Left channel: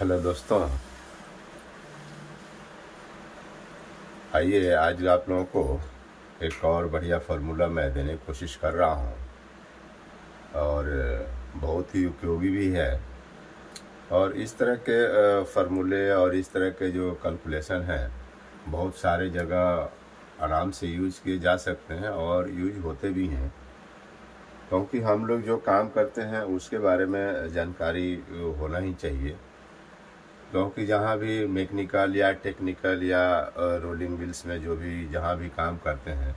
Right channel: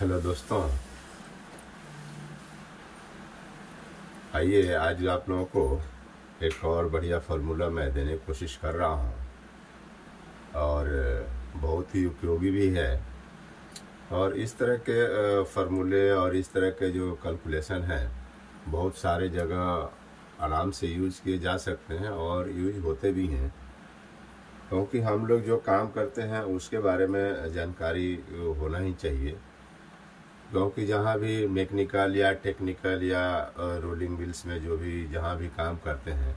Hello दोस्तों, आइए आज आप लोगों को एक और बढ़िया फार्मूला मैं देने की कोशिश कर रहा हूँ और बहुत ही उपयोगी भी है। और इस तरह के फार्मूले और इस तरह के जो कैलकुलेशन हैं बहुत सारे जगह आराम से यूज किए जा सकते हैं और यूज होते भी हैं, क्योंकि हम लोग जो काम करते हैं उसके बारे में जानकारी होना ही चाहिए। क्योंकि जहाँ भी मैकेनिकल या टेक्निकल या रोलिंग व्हील्स में जो भी जहाँ भी काम करते हैं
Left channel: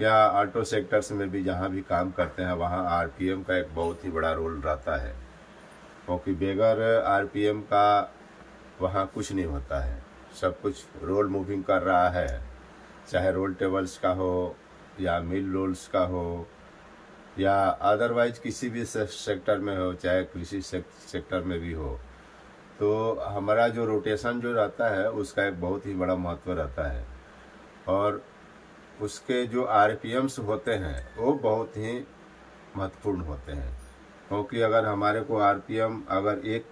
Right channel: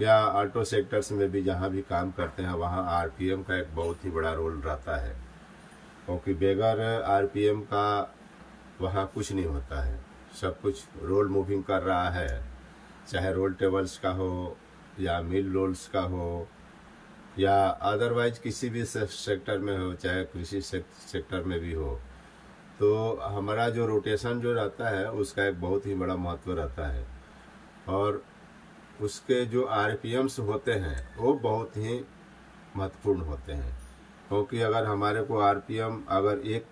या ऑटो सेक्टर्स में भी जहाँ भी काम करते हैं वहाँ आरपीएम का एक बहुत ही बड़ा रोल रहता है, क्योंकि बगैर आरपीएम का वहाँ कुछ नहीं होता है। सब कुछ रोल मूविंग कर रहा है, चाहे रोल टेबल्स का हो या मिल रोल्स का हो या अदरवाइज किसी भी सेक्टर में हो, चाहे कृषि सेक्टर में भी हो। तो हमारा जो रोटेशन जो रहता है उसका एक बहुत ही बड़ा महत्व रहता है और उसके जो आरपीएम्स होते हैं वो बहुत ही महत्वपूर्ण होते हैं। क्योंकि अगर हमारे को आरपीएम अगर एक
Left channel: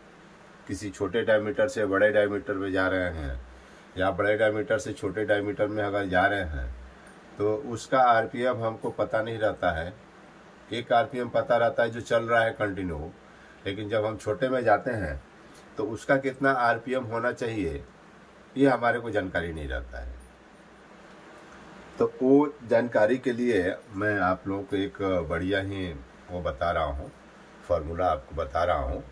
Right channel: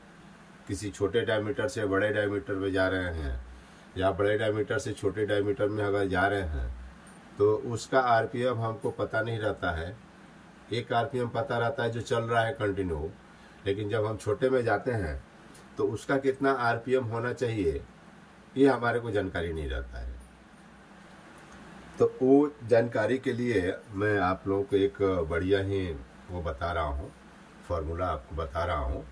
किसी छोटे डायमीटर से बड़े डायमीटर में जा रहे हैं या बड़े डायमीटर से छोटे डायमीटर में अगर जा रहे हैं तो उसका आरपीएम हमको पता नहीं रहता है। एक आरपीएम पता रहता है जो चल रहा है कंटिन्यू, लेकिन जब हम छोटे में जाते हैं तो उसका कितना आरपीएम होना चाहिए ये हमारे को जानकारी नहीं रहता है। तो वो जानकारी के लिए मैं आप लोगों को एक बढ़िया ही वो बता रहा हूँ, फार्मूला आपको बता रहा हूँ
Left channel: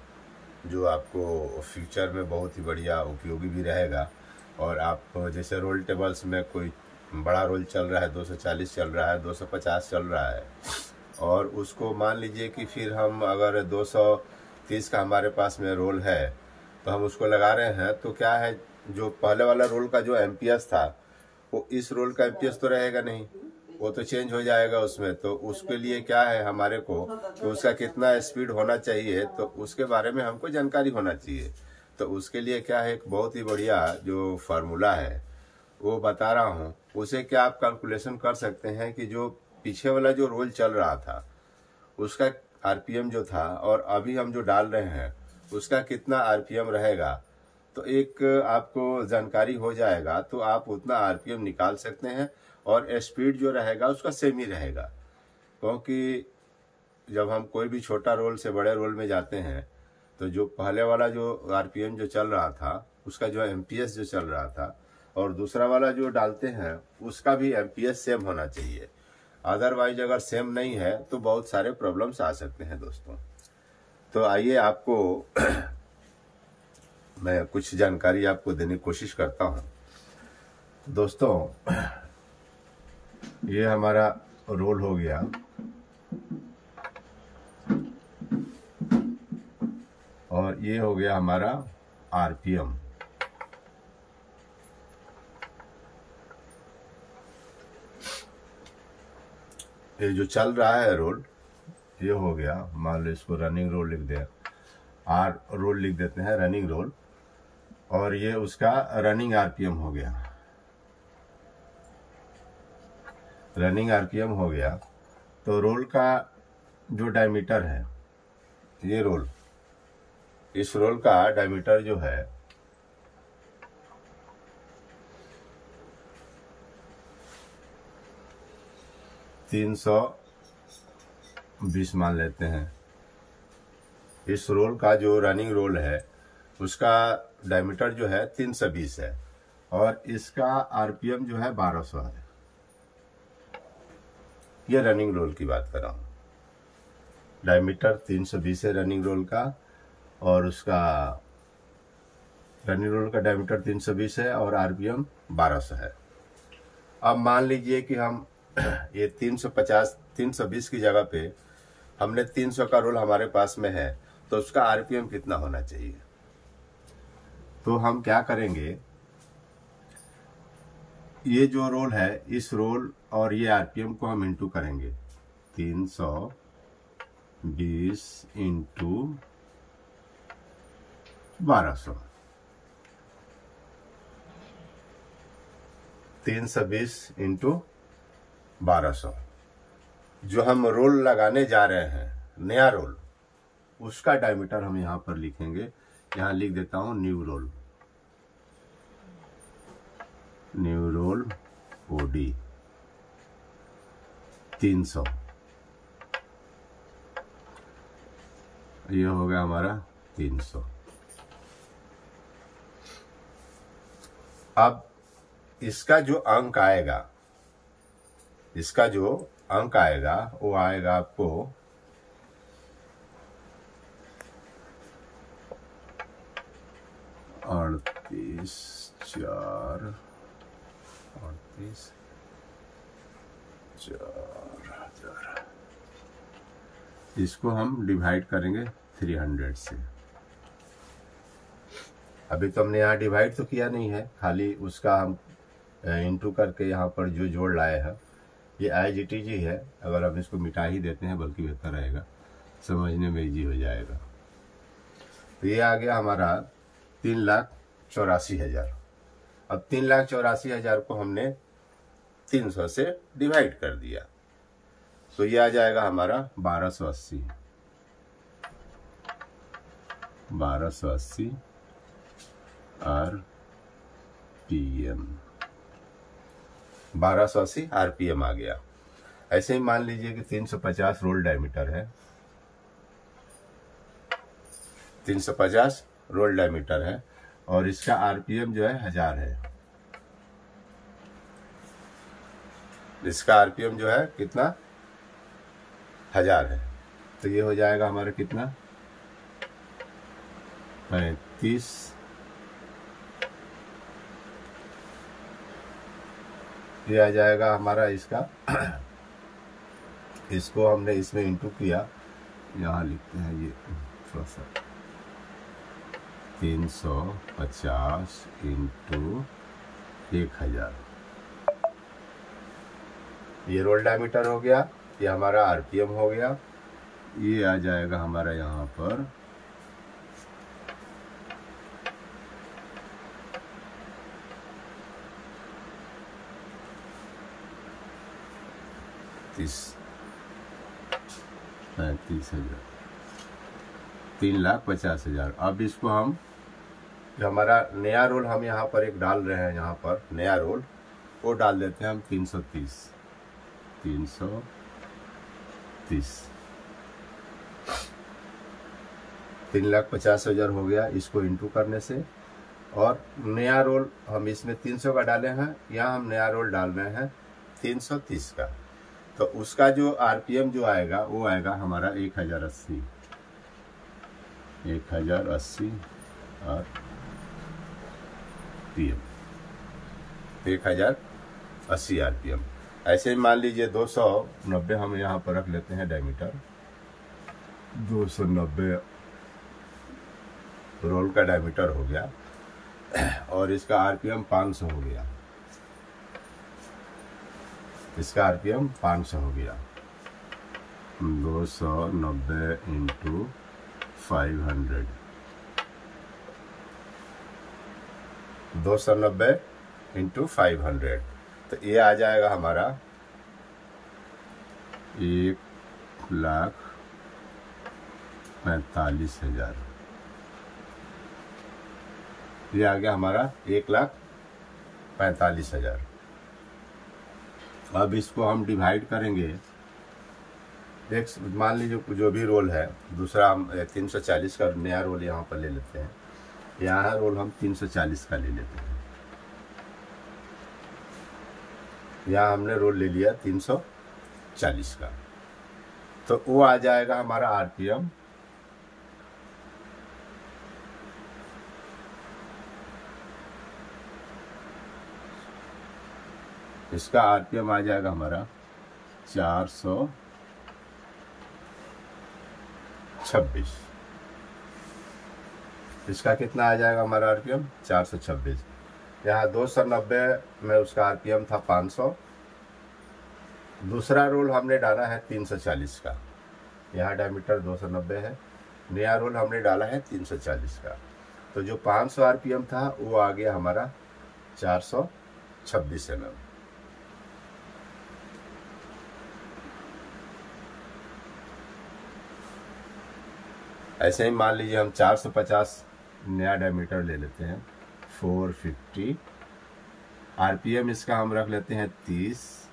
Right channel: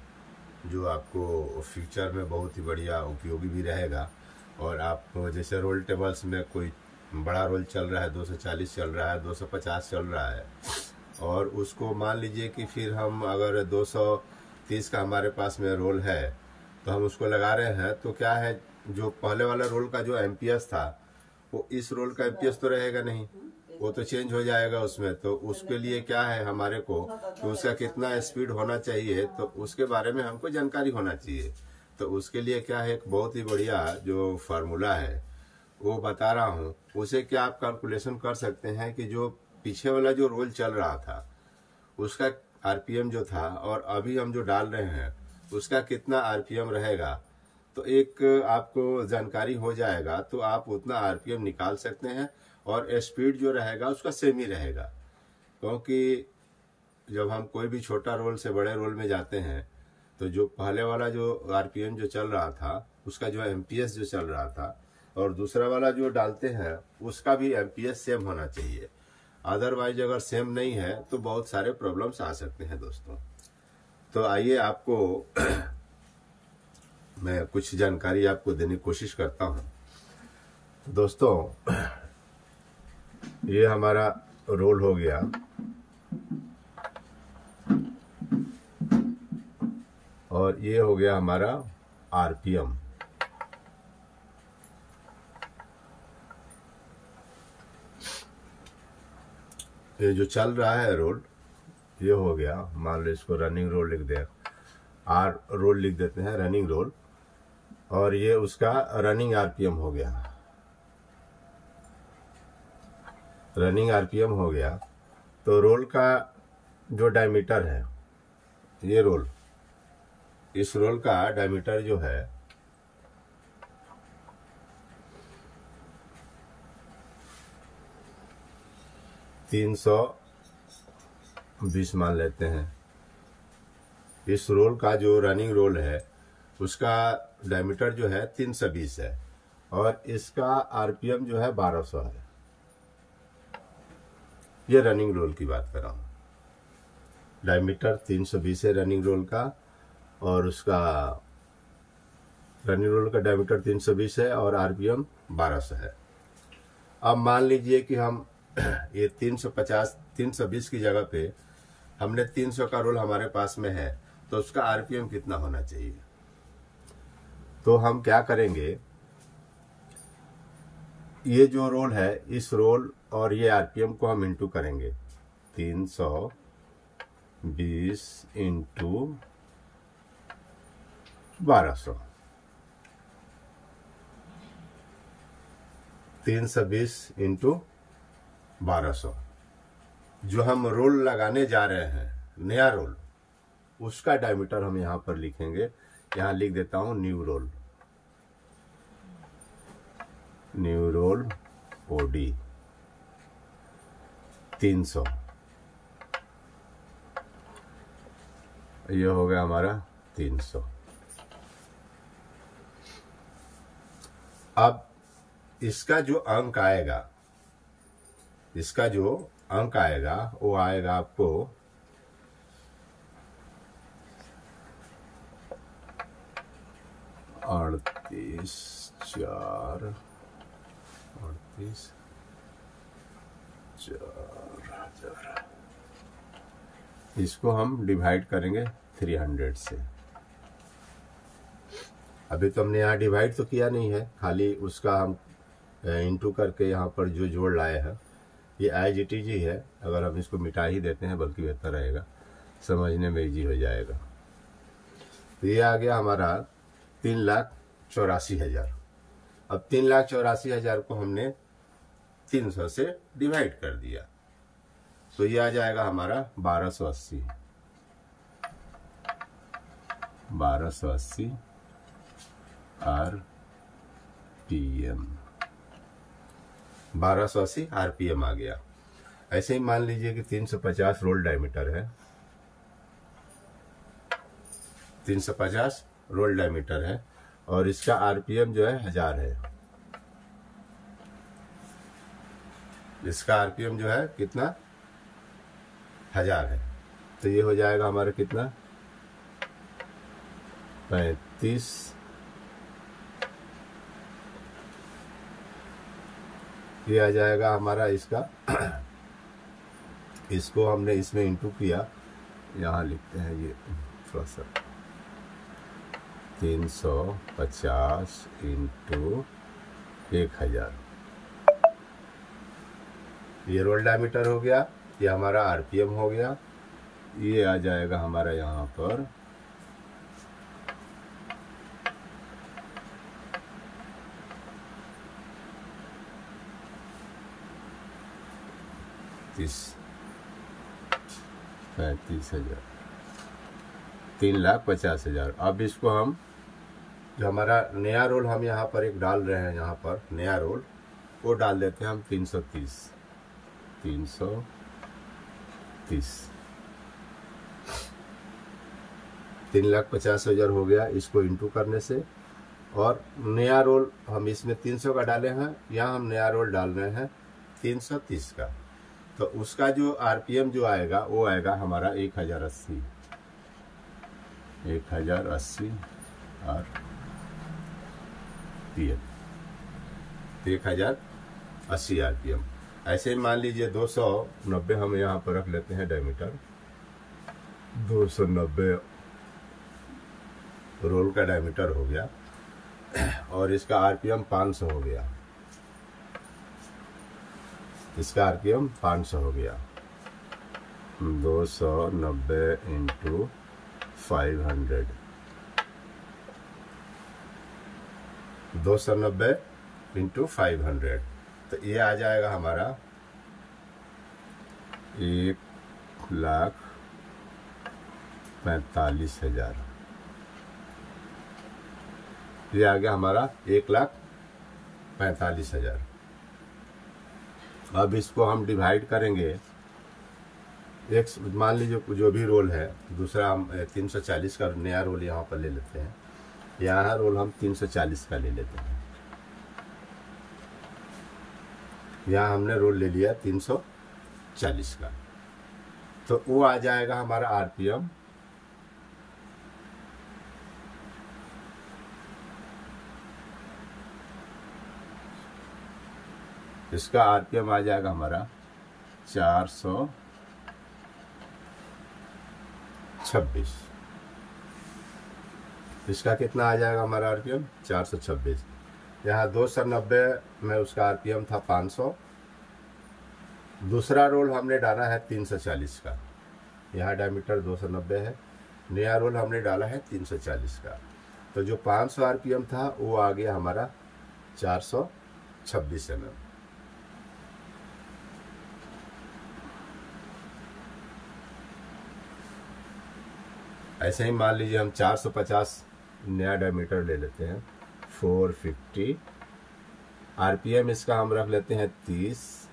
जो आपको फ्यूचर में बहुत ही बढ़िया उपयोगी भी रहेगा। और आप जैसे रोल टेबल्स में कोई बड़ा रोल चल रहा है, 240 चल रहा है, 250 चल रहा है, और उसको मान लीजिए कि फिर हम अगर 230 का हमारे पास में रोल है तो हम उसको लगा रहे हैं, तो क्या है जो पहले वाला रोल का जो एमपीएस था वो इस रोल का एमपीएस तो रहेगा नहीं, वो तो चेंज हो जाएगा उसमें। तो उसके लिए क्या है हमारे को तो उसका कितना स्पीड होना चाहिए तो उसके बारे में हमको जानकारी होना चाहिए। तो उसके लिए क्या है एक बहुत ही बढ़िया जो फार्मूला है वो बता रहा हूँ। उसे क्या आप कैलकुलेशन कर सकते हैं कि जो पीछे वाला जो रोल चल रहा था उसका आरपीएम जो था और अभी हम जो डाल रहे हैं उसका कितना आरपीएम रहेगा, तो एक आपको जानकारी हो जाएगा तो आप उतना आरपीएम निकाल सकते हैं और स्पीड जो रहेगा उसका सेम ही रहेगा। क्योंकि जब हम कोई भी छोटा रोल से बड़े रोल में जाते हैं तो जो पहले वाला जो आरपीएम जो चल रहा था उसका जो एमपीएस जो चल रहा था और दूसरा वाला जो डालते हैं उसका भी एमपीएस सेम होना चाहिए। अदरवाइज अगर सेम नहीं है तो बहुत सारे प्रॉब्लम्स आ सकते हैं दोस्तों। तो आइए आपको मैं कुछ जानकारी आपको देने की कोशिश करता हूं। दोस्तों ये हमारा रोल हो गया और ये हो गया हमारा आरपीएम। ये जो चल रहा है रोल ये हो गया, मान लो इसको रनिंग रोल लिख दे, आर रोल लिख देते हैं रनिंग रोल, और ये उसका रनिंग आरपीएम हो गया। रनिंग आरपीएम हो गया तो रोल का जो डायमीटर है ये रोल, इस रोल का डायमीटर जो है $320 मान लेते हैं। इस रोल का जो रनिंग रोल है उसका डायमीटर जो है 320 है और इसका आरपीएम जो है 1200 है। ये रनिंग रोल की बात कर रहा हूं। डायमीटर 320 है रनिंग रोल का और उसका रनिंग रोल का डायमीटर 320 है और आरपीएम 1200 है। अब मान लीजिए कि हम ये 320 की जगह पे हमने 300 का रोल हमारे पास में है तो उसका आरपीएम कितना होना चाहिए। तो हम क्या करेंगे, ये जो रोल है इस रोल और ये आरपीएम को हम इंटू करेंगे। 320 इंटू 1200, 320 इंटू 1200 जो हम रोल लगाने जा रहे हैं नया रोल, उसका डायमीटर हम यहाँ पर लिखेंगे यहाँ लिख देता हूँ new roll, new roll OD 300, ये हो गया हमारा 300। अब इसका जो अंक आएगा, इसका जो अंक आएगा वो आएगा आपको 38,4,38,4,000। इसको हम डिवाइड करेंगे 300 से। अभी तो हमने यहाँ डिवाइड तो किया नहीं है, खाली उसका हम इंटू करके यहाँ पर जो जोड़ लाए हैं, ये IGTG है। अगर हम इसको मिटा ही देते हैं बल्कि बेहतर रहेगा, समझने में इजी हो जाएगा। तो ये आ गया हमारा 3,84,000। अब 3,84,000 को हमने 300 से डिवाइड कर दिया, तो ये आ जाएगा हमारा 1280 RPM, 1280 RPM आ गया। ऐसे ही मान लीजिए कि 350 रोल डायमीटर है, 350 रोल डायमीटर है और इसका RPM जो है 1000 है। इसका RPM जो है कितना, 1000 है। तो ये हो जाएगा हमारा कितना, 35, ये आ जाएगा हमारा इसका। इसको हमने इसमें इंटू किया, यहाँ लिखते हैं ये थोड़ा सा, 350 इंटू 1000। ये रोल डायमीटर हो गया, ये हमारा RPM हो गया। ये आ जाएगा हमारा यहाँ पर 35,000, 3,50,000। अब इसको हम, जो हमारा नया रोल हम यहाँ पर एक डाल रहे हैं, यहाँ पर नया रोल वो डाल देते हैं हम 330, 3,50,000 हो गया इसको इंटू करने से। और नया रोल हम इसमें 300 का डाले हैं, यहाँ हम नया रोल डाल रहे हैं 330 का। तो उसका जो RPM जो आएगा वो आएगा हमारा 1080 RPM, 1080 RPM। ऐसे ही मान लीजिए 290 हम यहाँ पर रख लेते हैं डायमीटर, 290 रोल का डायमीटर हो गया और इसका RPM 500 हो गया, इसका RPM 500 हो गया। 290 इंटू 500, 290 इंटू 500, तो ये आ जाएगा हमारा 1,45,000। ये आ गया हमारा 1,45,000। अब इसको हम डिवाइड करेंगे, एक मान लीजिए जो भी रोल है, दूसरा हम 340 का नया रोल यहाँ पर ले लेते हैं। यहाँ रोल हम 340 का ले लेते हैं। यहाँ हमने रोल ले लिया 340 का, तो वो आ जाएगा हमारा RPM इसका RPM आ जाएगा हमारा 426। इसका कितना आ जाएगा हमारा RPM 426। यहाँ 290 में उसका RPM था 500। दूसरा रोल हमने डाला है 340 का, यहाँ डायमीटर 290 है, नया रोल हमने डाला है 340 का। तो जो 500 RPM था वो आ गया हमारा 426 mm। ऐसे ही मान लीजिए हम 450 नया डायमीटर ले लेते हैं 450। आरपीएम इसका हम रख लेते हैं 30।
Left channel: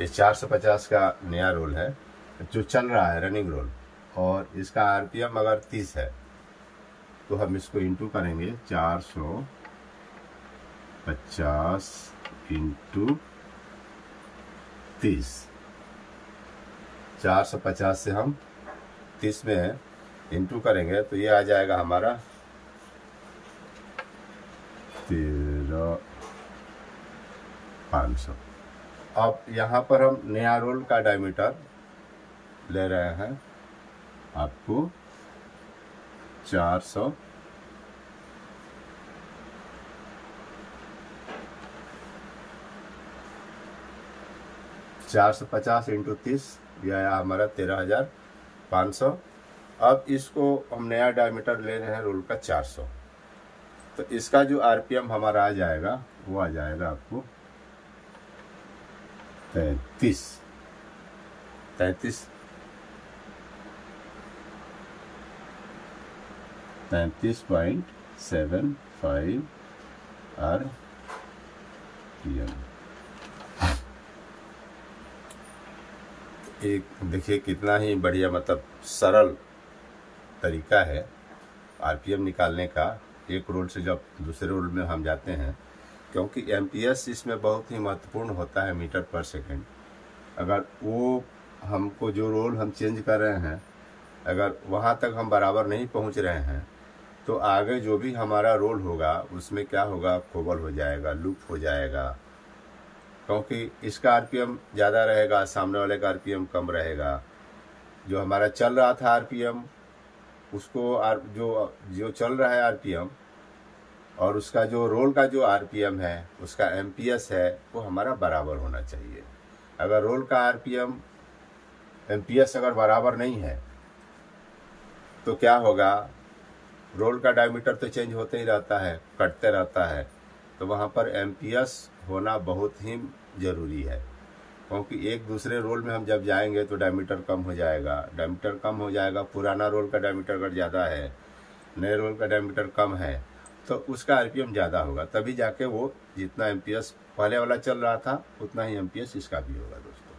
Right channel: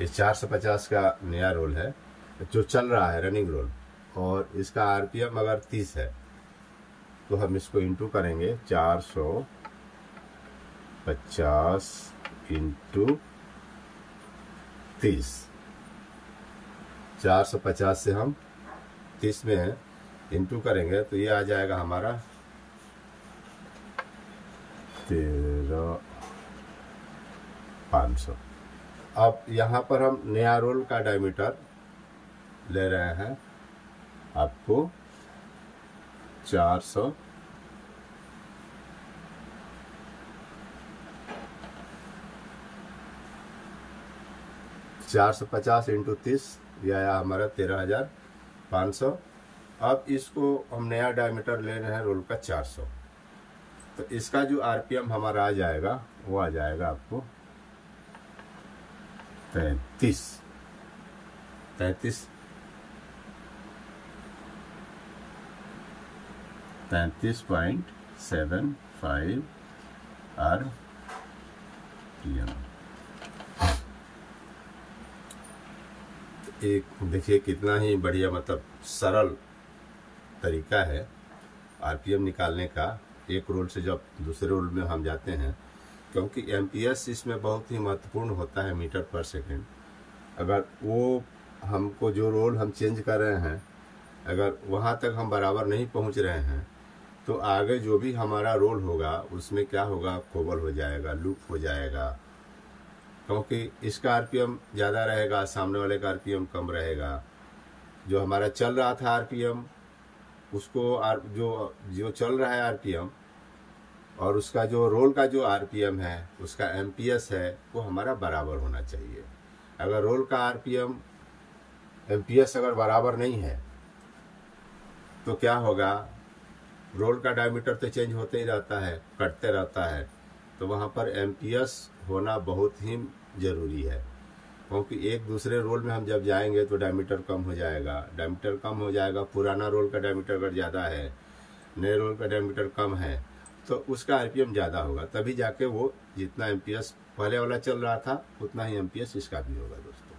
ये 450 का नया रोल है जो चल रहा है, रनिंग रोल, और इसका आरपीएम अगर 30 है तो हम इसको इंटू करेंगे 450 इंटू 30। 450 से हम 30 में है इंटू करेंगे तो ये आ जाएगा हमारा 13,500। अब यहाँ पर हम नया रोल का डायमीटर ले रहे हैं आपको 400 450 इंटू 30, यह आया हमारा 13,500। अब इसको हम नया डायमीटर ले रहे हैं रोल का 400, तो इसका जो आरपीएम हमारा आ जाएगा वो आ जाएगा आपको 33.75 आरपीएम। एक देखिए कितना ही बढ़िया, मतलब सरल तरीका है आरपीएम निकालने का, एक रोल से जब दूसरे रोल में हम जाते हैं, क्योंकि एमपीएस इसमें बहुत ही महत्वपूर्ण होता है, मीटर पर सेकंड। अगर वो हमको जो रोल हम चेंज कर रहे हैं अगर वहाँ तक हम बराबर नहीं पहुँच रहे हैं तो आगे जो भी हमारा रोल होगा उसमें क्या होगा, कोबल हो जाएगा, लूप हो जाएगा, क्योंकि इसका आरपीएम ज़्यादा रहेगा, सामने वाले का आरपीएम कम रहेगा। जो हमारा चल रहा था आरपीएम उसको जो चल रहा है आरपीएम और उसका जो रोल का जो आरपीएम है, उसका एमपीएस है, वो हमारा बराबर होना चाहिए। अगर रोल का आरपीएम एमपीएस अगर बराबर नहीं है तो क्या होगा, रोल का डायमीटर तो चेंज होते ही रहता है, कटते रहता है, तो वहाँ पर एमपीएस होना बहुत ही ज़रूरी है, क्योंकि एक दूसरे रोल में हम जब जाएंगे तो डायमीटर कम हो जाएगा, पुराना रोल का डायमीटर अगर ज़्यादा है, नए रोल का डायमीटर कम है तो उसका आरपीएम ज़्यादा होगा, तभी जाके वो जितना एमपीएस पहले वाला चल रहा था उतना ही एमपीएस इसका भी होगा दोस्तों।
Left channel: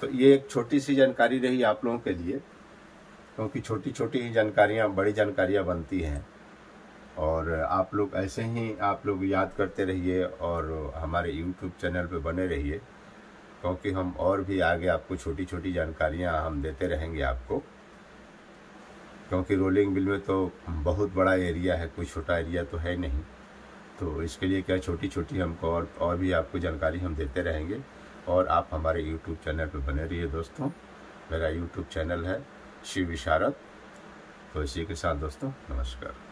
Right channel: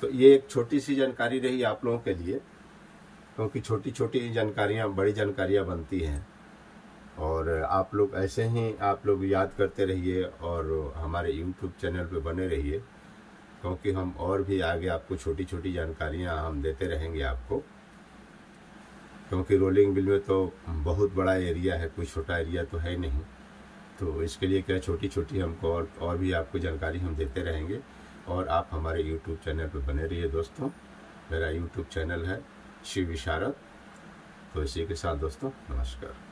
तो ये एक छोटी सी जानकारी रही आप लोगों के लिए, क्योंकि छोटी छोटी जानकारियाँ बड़ी जानकारियाँ बनती हैं, और आप लोग ऐसे ही आप लोग याद करते रहिए और हमारे YouTube चैनल पे बने रहिए, क्योंकि हम और भी आगे आपको छोटी छोटी जानकारियाँ हम देते रहेंगे आपको, क्योंकि रोलिंग मिल में तो बहुत बड़ा एरिया है, कोई छोटा एरिया तो है नहीं, तो इसके लिए क्या छोटी छोटी हमको और भी आपको जानकारी हम देते रहेंगे, और आप हमारे YouTube चैनल पे बने रहिए दोस्तों। मेरा YouTube चैनल है शिव विशारद। तो इसी के साथ दोस्तों नमस्कार।